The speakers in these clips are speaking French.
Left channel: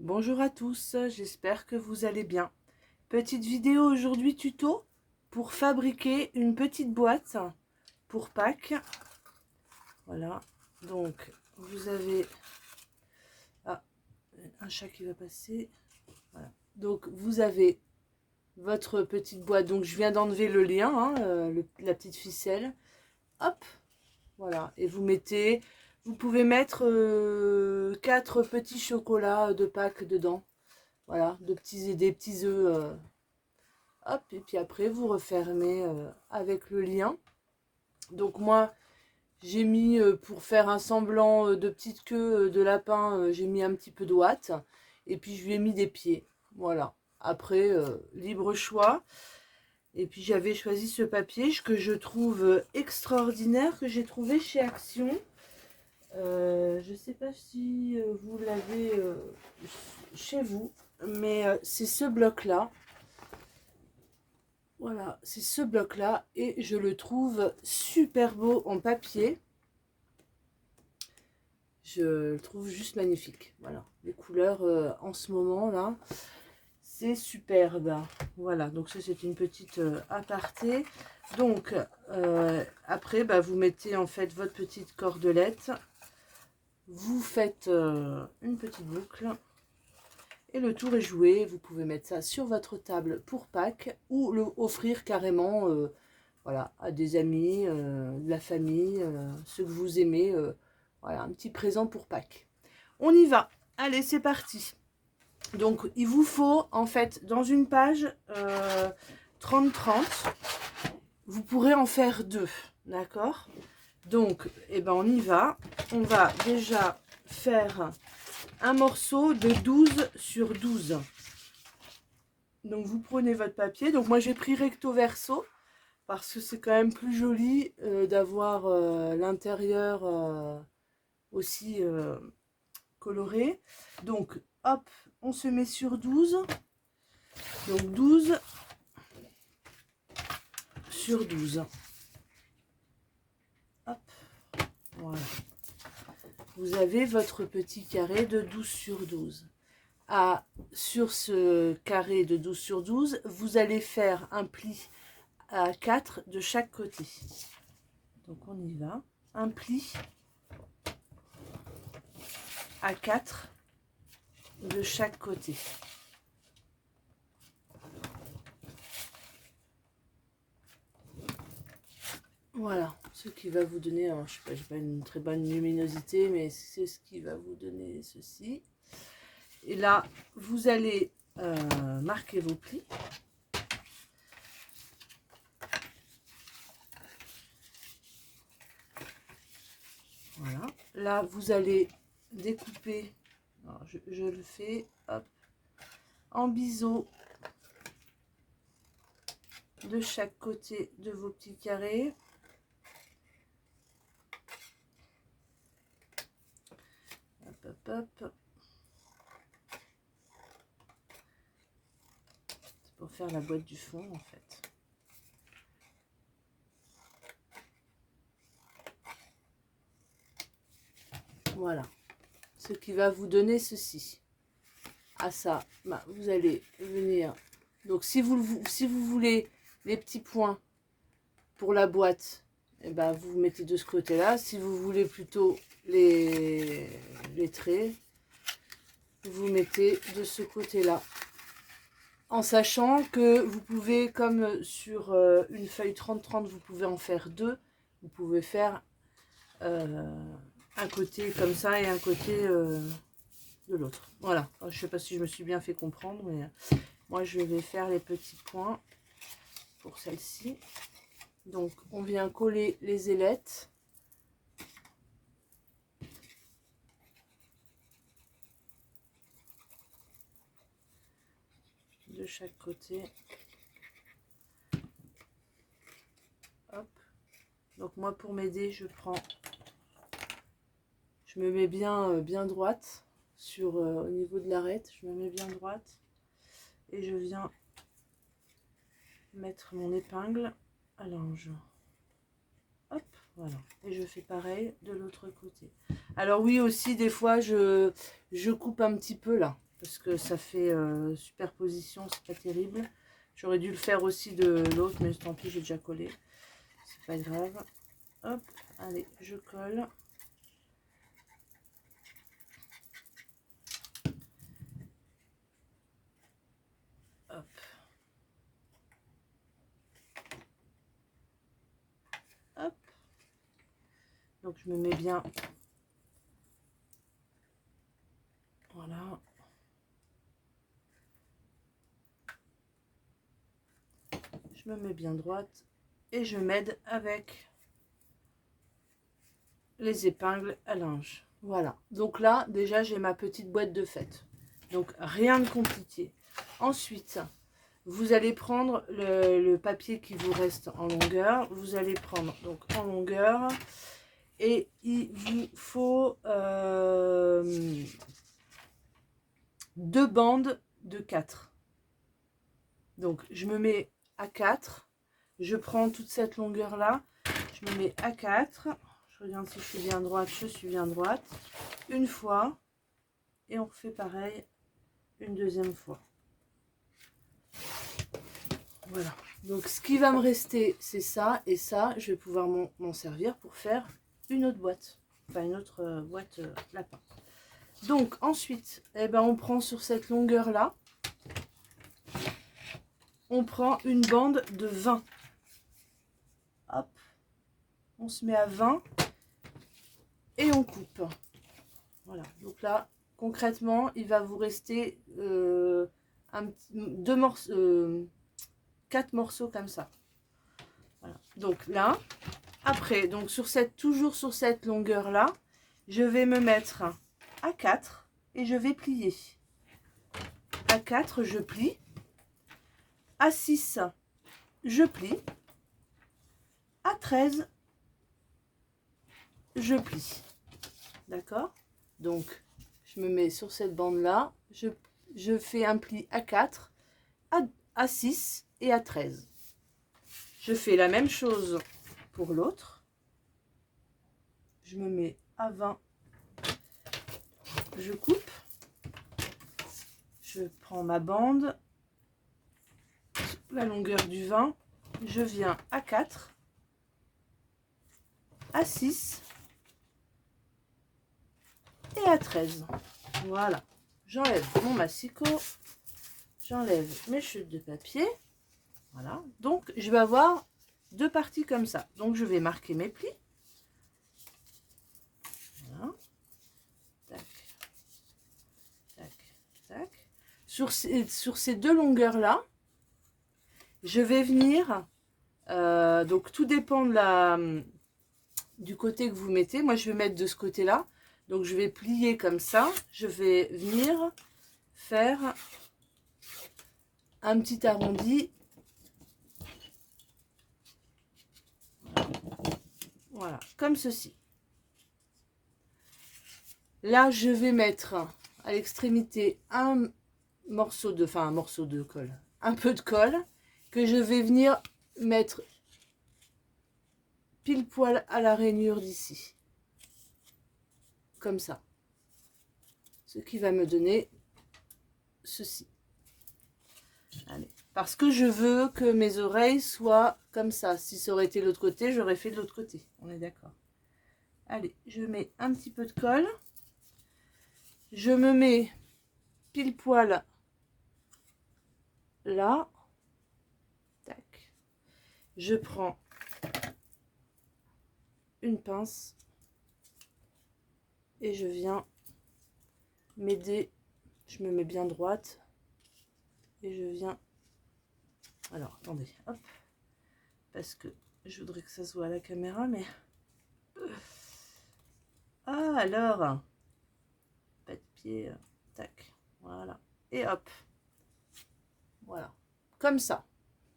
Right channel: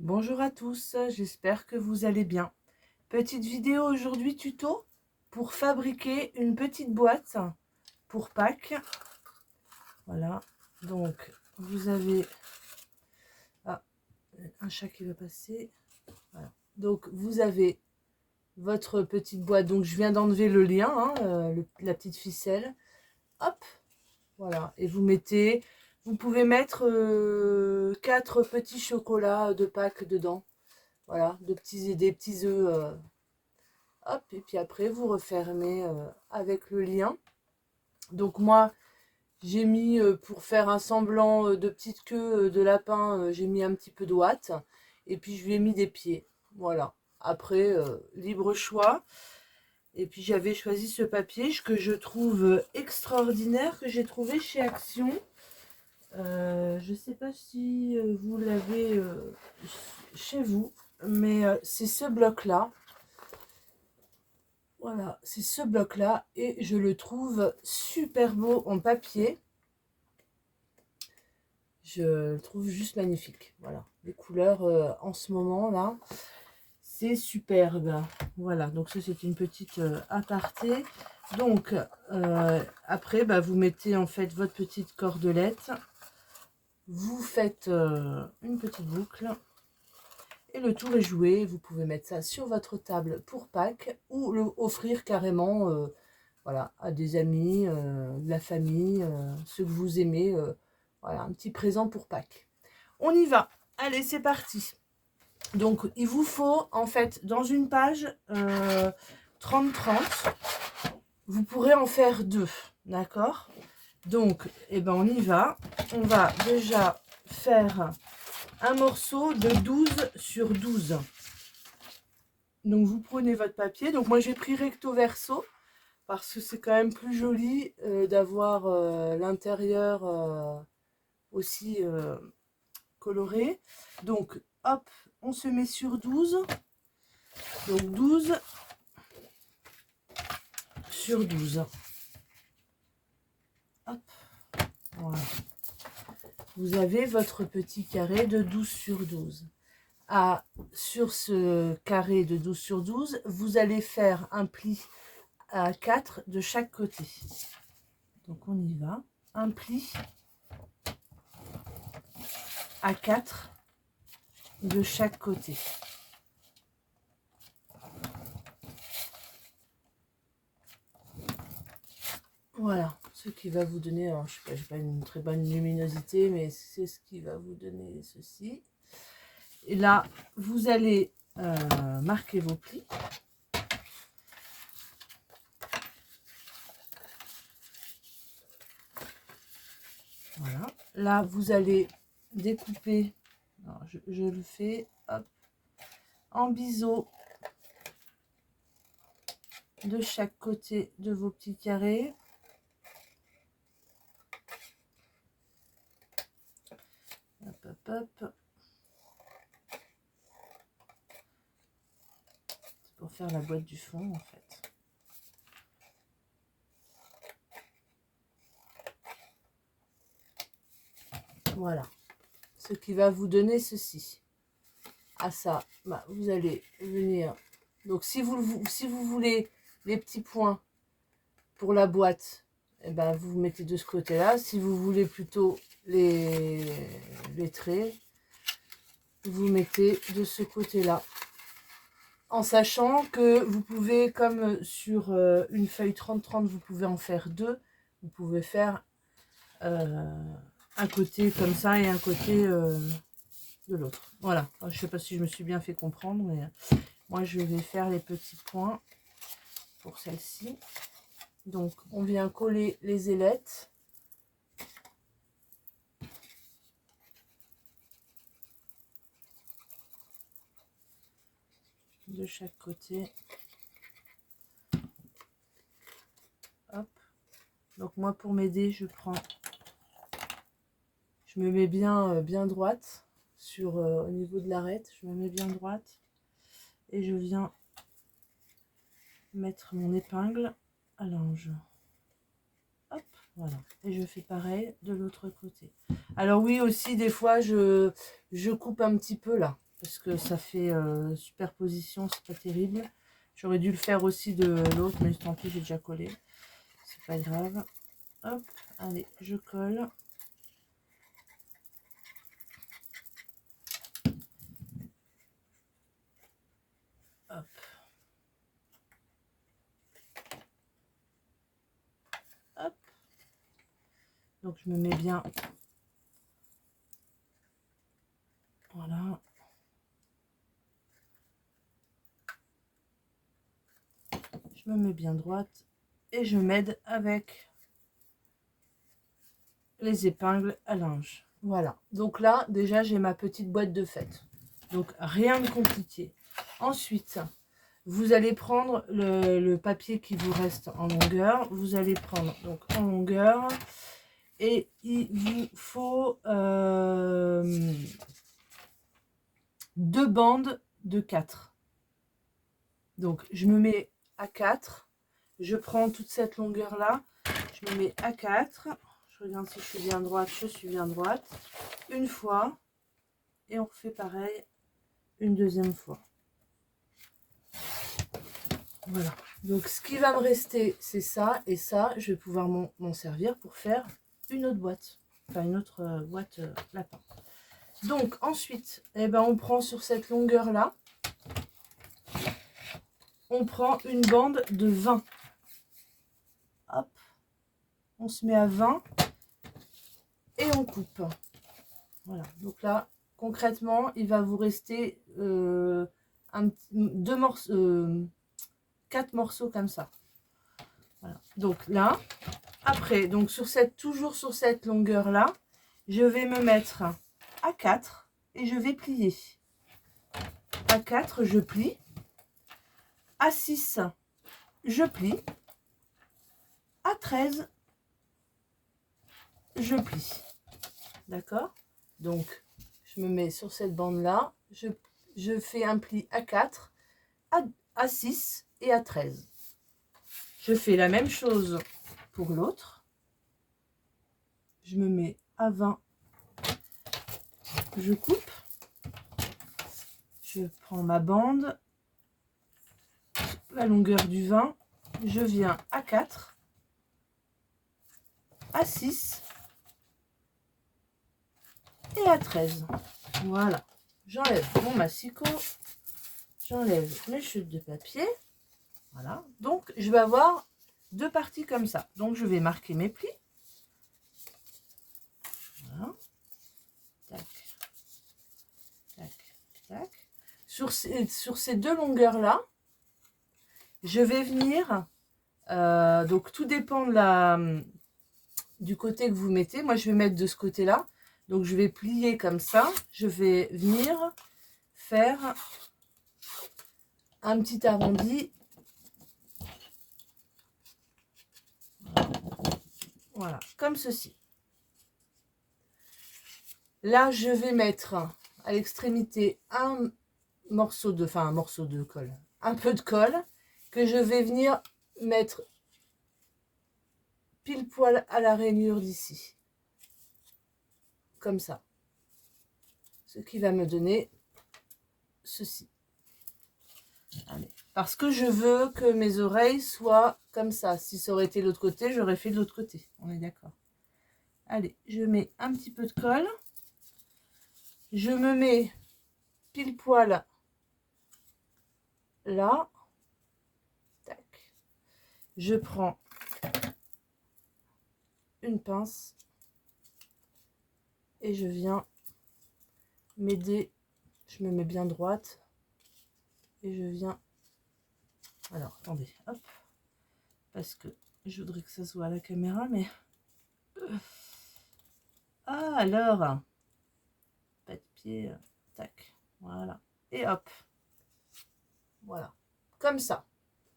Bonjour à tous, j'espère que vous allez bien. Petite vidéo aujourd'hui tuto pour fabriquer une petite boîte pour Pâques. Voilà, donc vous avez un chat qui va passer. Voilà. Donc vous avez votre petite boîte, donc je viens d'enlever le lien, la petite ficelle. Hop, voilà, et vous pouvez mettre 4 petits chocolats de Pâques dedans. Voilà, des petits œufs. Hop, et puis après, vous refermez avec le lien. Donc moi, j'ai mis, pour faire un semblant de petite queue de lapin, j'ai mis un petit peu de ouate. Et puis, je lui ai mis des pieds. Voilà. Après, libre choix. Et puis, j'avais choisi ce papier que je trouve extraordinaire, que j'ai trouvé chez Action. Je ne sais pas si vous l'avez chez vous, mais c'est ce bloc-là. Voilà, c'est ce bloc-là et je le trouve super beau en papier. Je le trouve juste magnifique. Voilà, les couleurs en ce moment là, c'est superbe. Voilà, donc ça c'est une petite aparté. Donc après, vous mettez en fait votre petite cordelette. Vous faites une petite boucle. Et le tour est joué, vous pouvez mettre ça sur votre table pour Pâques ou le offrir carrément voilà, à des amis, de la famille, ceux que vous aimez. Voilà, un petit présent pour Pâques. On y va. Allez, c'est parti. Donc, il vous faut, en fait, dans une page 30-30, vous pourrez en faire 2. D'accord? Donc, on y va. On va déjà faire un morceau de 12 sur 12. Donc vous prenez votre papier. Donc moi j'ai pris recto verso parce que c'est quand même plus joli d'avoir l'intérieur aussi coloré. Donc hop, on se met sur 12. Donc 12 sur 12. Hop, voilà. Vous avez votre petit carré de 12 sur 12. Sur ce carré de 12 sur 12, vous allez faire un pli à 4 de chaque côté. Donc on y va. Un pli à 4 de chaque côté. Voilà, ce qui va vous donner, alors je sais pas, j'ai pas une très bonne luminosité, mais c'est ce qui va vous donner ceci. Et là, vous allez marquer vos plis. Voilà. Là, vous allez découper. Alors, je le fais, hop, en biseau de chaque côté de vos petits carrés. Hop, hop, hop. C'est pour faire la boîte du fond, en fait. Voilà, ce qui va vous donner ceci. À ça, vous allez venir. Donc si vous voulez les petits points pour la boîte, vous mettez de ce côté-là. Si vous voulez plutôt les traits, vous mettez de ce côté-là. En sachant que vous pouvez, comme sur une feuille 30-30, vous pouvez en faire 2. Vous pouvez faire un côté comme ça et un côté de l'autre. Voilà, je ne sais pas si je me suis bien fait comprendre, mais moi je vais faire les petits points pour celle-ci. Donc on vient coller les ailettes. De chaque côté. Hop. Donc moi pour m'aider, je me mets bien droite sur au niveau de l'arête, je me mets bien droite et je viens mettre mon épingle à l'ange. Hop. Voilà. Et je fais pareil de l'autre côté. Alors oui, aussi, des fois, je coupe un petit peu là. Parce que ça fait superposition, c'est pas terrible. J'aurais dû le faire aussi de l'autre, mais tant pis, j'ai déjà collé. C'est pas grave. Hop, allez, je colle. Hop. Hop. Donc je me mets bien. Voilà. Je me mets bien droite et je m'aide avec les épingles à linge. Voilà. Donc là, déjà, j'ai ma petite boîte de fête. Donc rien de compliqué. Ensuite, vous allez prendre le papier qui vous reste en longueur. Vous allez prendre donc en longueur et il vous faut 2 bandes de 4. Donc je me mets à 4. Je prends toute cette longueur là. Je me mets à 4. Je regarde si je suis bien droite. Je suis bien droite. Une fois. Et on refait pareil une deuxième fois. Voilà. Donc ce qui va me rester, c'est ça. Et ça, je vais pouvoir m'en servir pour faire une autre boîte. Enfin, une autre boîte lapin. Donc ensuite, eh ben, on prend sur cette longueur-là. On prend une bande de 20. Hop. On se met à 20. Et on coupe. Voilà. Donc là, concrètement, il va vous rester 4 morceaux comme ça. Voilà. Donc là, après, donc toujours sur cette longueur là, je vais me mettre à 4 et je vais plier. À 4, je plie. À 6, je plie. À 13, je plie. D'accord? Donc, je me mets sur cette bande là, je fais un pli à 4, à 6 et à 13. Je fais la même chose pour l'autre. Je me mets à 20. Je coupe. Je prends ma bande. La longueur du 20. Je viens à 4. À 6. Et à 13. Voilà. J'enlève mon massicot. J'enlève mes chutes de papier. Voilà. Donc, je vais avoir 2 parties comme ça. Donc, je vais marquer mes plis. Voilà. Tac. Tac. Tac. Sur ces 2 longueurs-là, je vais venir... donc, tout dépend du côté que vous mettez. Moi, je vais mettre de ce côté-là. Donc, je vais plier comme ça. Je vais venir faire un petit arrondi. Voilà, comme ceci. Là, je vais mettre à l'extrémité un morceau de colle, un peu de colle que je vais venir mettre pile poil à la rainure d'ici. Comme ça. Ce qui va me donner ceci. Allez. Parce que je veux que mes oreilles soient comme ça. Si ça aurait été l'autre côté, j'aurais fait de l'autre côté. On est d'accord. Allez, je mets un petit peu de colle. Je me mets pile poil là. Tac. Je prends une pince et je viens m'aider. Je me mets bien droite et je viens. Alors, attendez, hop. Parce que je voudrais que ça soit à la caméra, mais... Ah, alors, pas de pied, tac, voilà. Et hop, voilà, comme ça.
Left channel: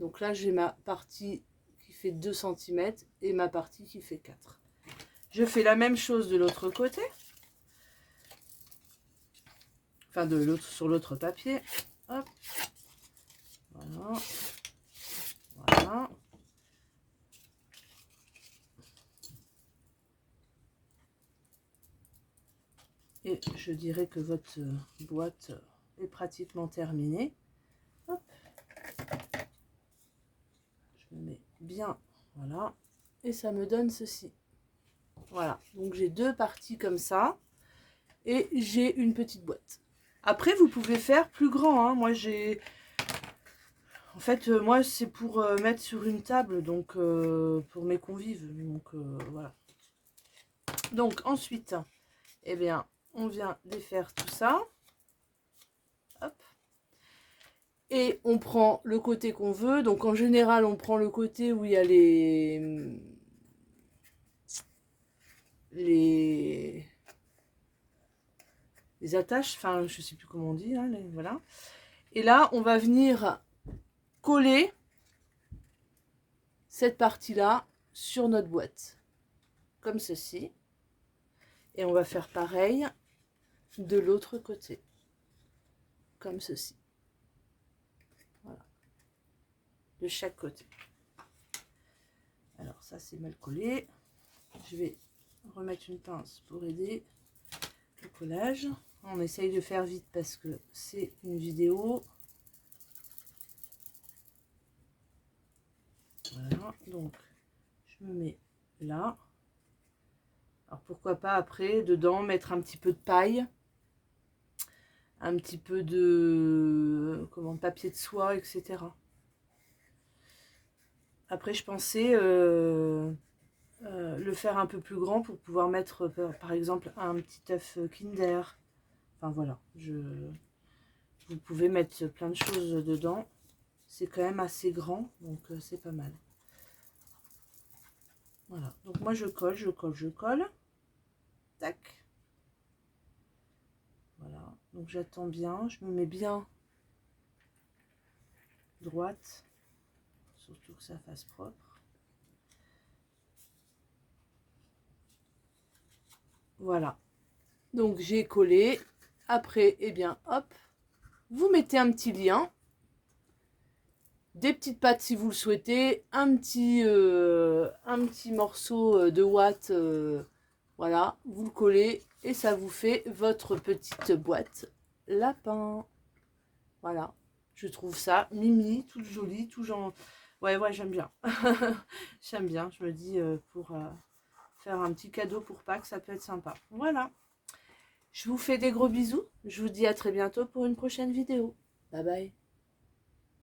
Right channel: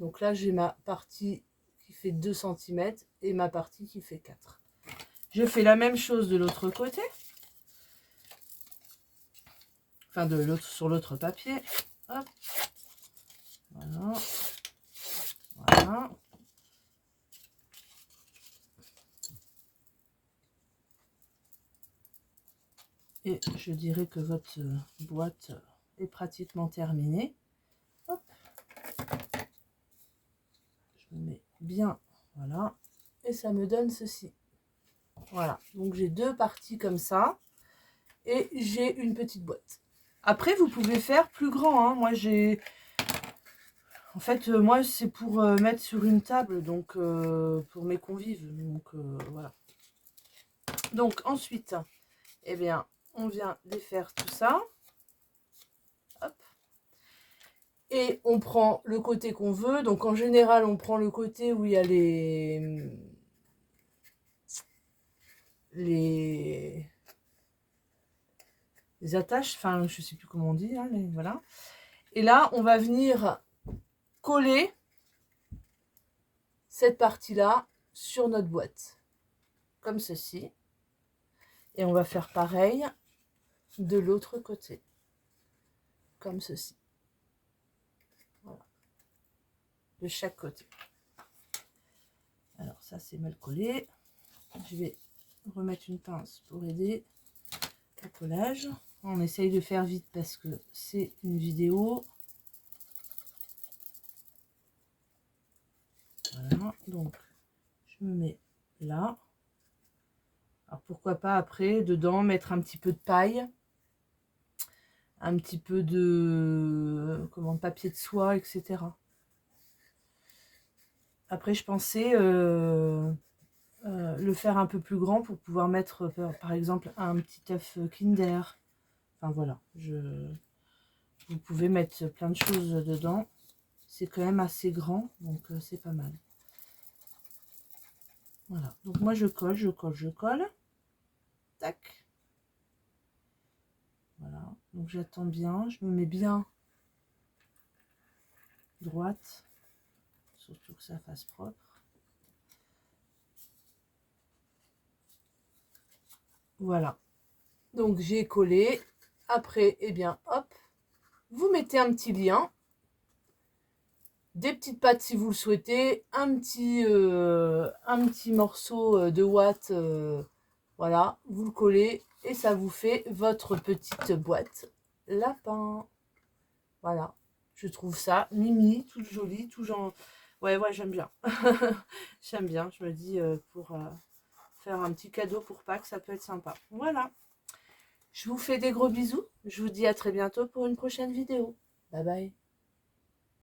Donc là, j'ai ma partie qui fait 2 cm et ma partie qui fait 4. Je fais la même chose de l'autre côté. Enfin, sur l'autre papier. Hop. Voilà. Voilà. après, je dirais que votre boîte est pratiquement terminée. Hop. Je me mets bien, voilà. Et ça me donne ceci. Voilà, donc j'ai deux parties comme ça. Et j'ai une petite boîte. Après, vous pouvez faire plus grand. Hein. Moi, j'ai... En fait, moi, c'est pour mettre sur une table, donc pour mes convives. Donc, voilà. Donc, ensuite, eh bien, on vient défaire tout ça. Hop. Et on prend le côté qu'on veut. Donc, en général, on prend le côté où il y a les attaches. Enfin, je ne sais plus comment on dit. Hein, voilà. Et là, on va venir coller cette partie-là sur notre boîte. Comme ceci. Et on va faire pareil de l'autre côté. Comme ceci. Voilà. De chaque côté. Alors ça c'est mal collé. Je vais remettre une pince pour aider le collage. On essaye de faire vite parce que c'est une vidéo. Voilà, donc je me mets là. Alors pourquoi pas après, dedans, mettre un petit peu de paille. Un petit peu de papier de soie, etc. Après, je pensais le faire un peu plus grand pour pouvoir mettre, par exemple, un petit œuf Kinder. Enfin, voilà. Vous pouvez mettre plein de choses dedans. C'est quand même assez grand, donc c'est pas mal. Voilà. Donc, moi, je colle, je colle, je colle. Tac. Voilà. Donc, j'attends bien. Je me mets bien droite. Surtout que ça fasse propre. Voilà. Donc j'ai collé. Après, eh bien, hop, vous mettez un petit lien, des petites pattes si vous le souhaitez, un petit morceau de ouate, voilà, vous le collez et ça vous fait votre petite boîte lapin. Voilà, je trouve ça mimi, toute jolie, tout genre. Ouais, j'aime bien. J'aime bien, je me dis pour faire un petit cadeau pour Pâques, ça peut être sympa. Voilà. Je vous fais des gros bisous. Je vous dis à très bientôt pour une prochaine vidéo. Bye bye.